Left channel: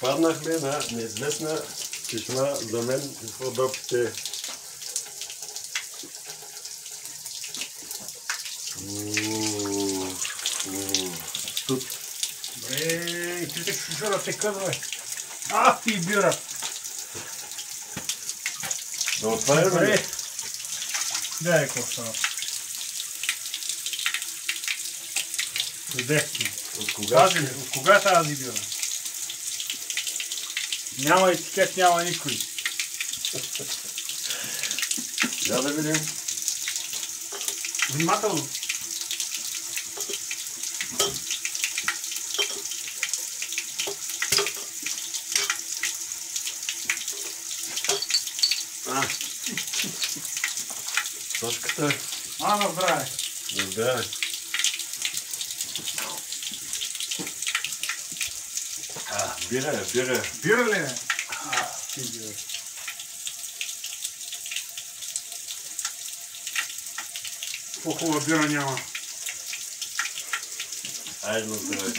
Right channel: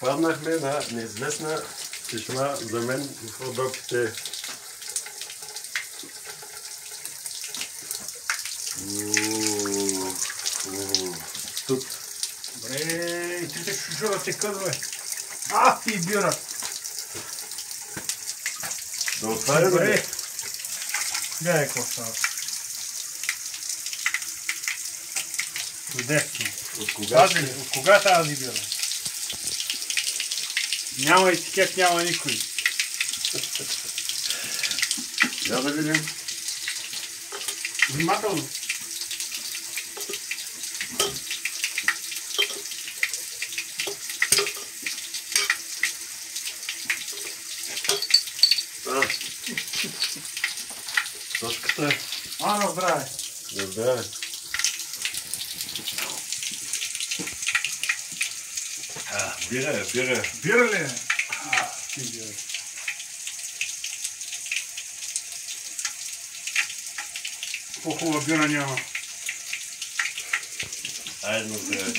Попаднахме на неизвестна чешма за мен в Родопите. Тут. Добре, трите шушура се къдва. Ах, и бира. Да отваря, бе. Гледай какво става. Чудесно. От кога? От кога тази бира? Няма етикет, няма никой. Я да видим. Внимателно. Точката е. На здраве. Да здраве. Бира е, бира. Бира ли е? Ти бира. По-хубава бира няма. Айде на здраве.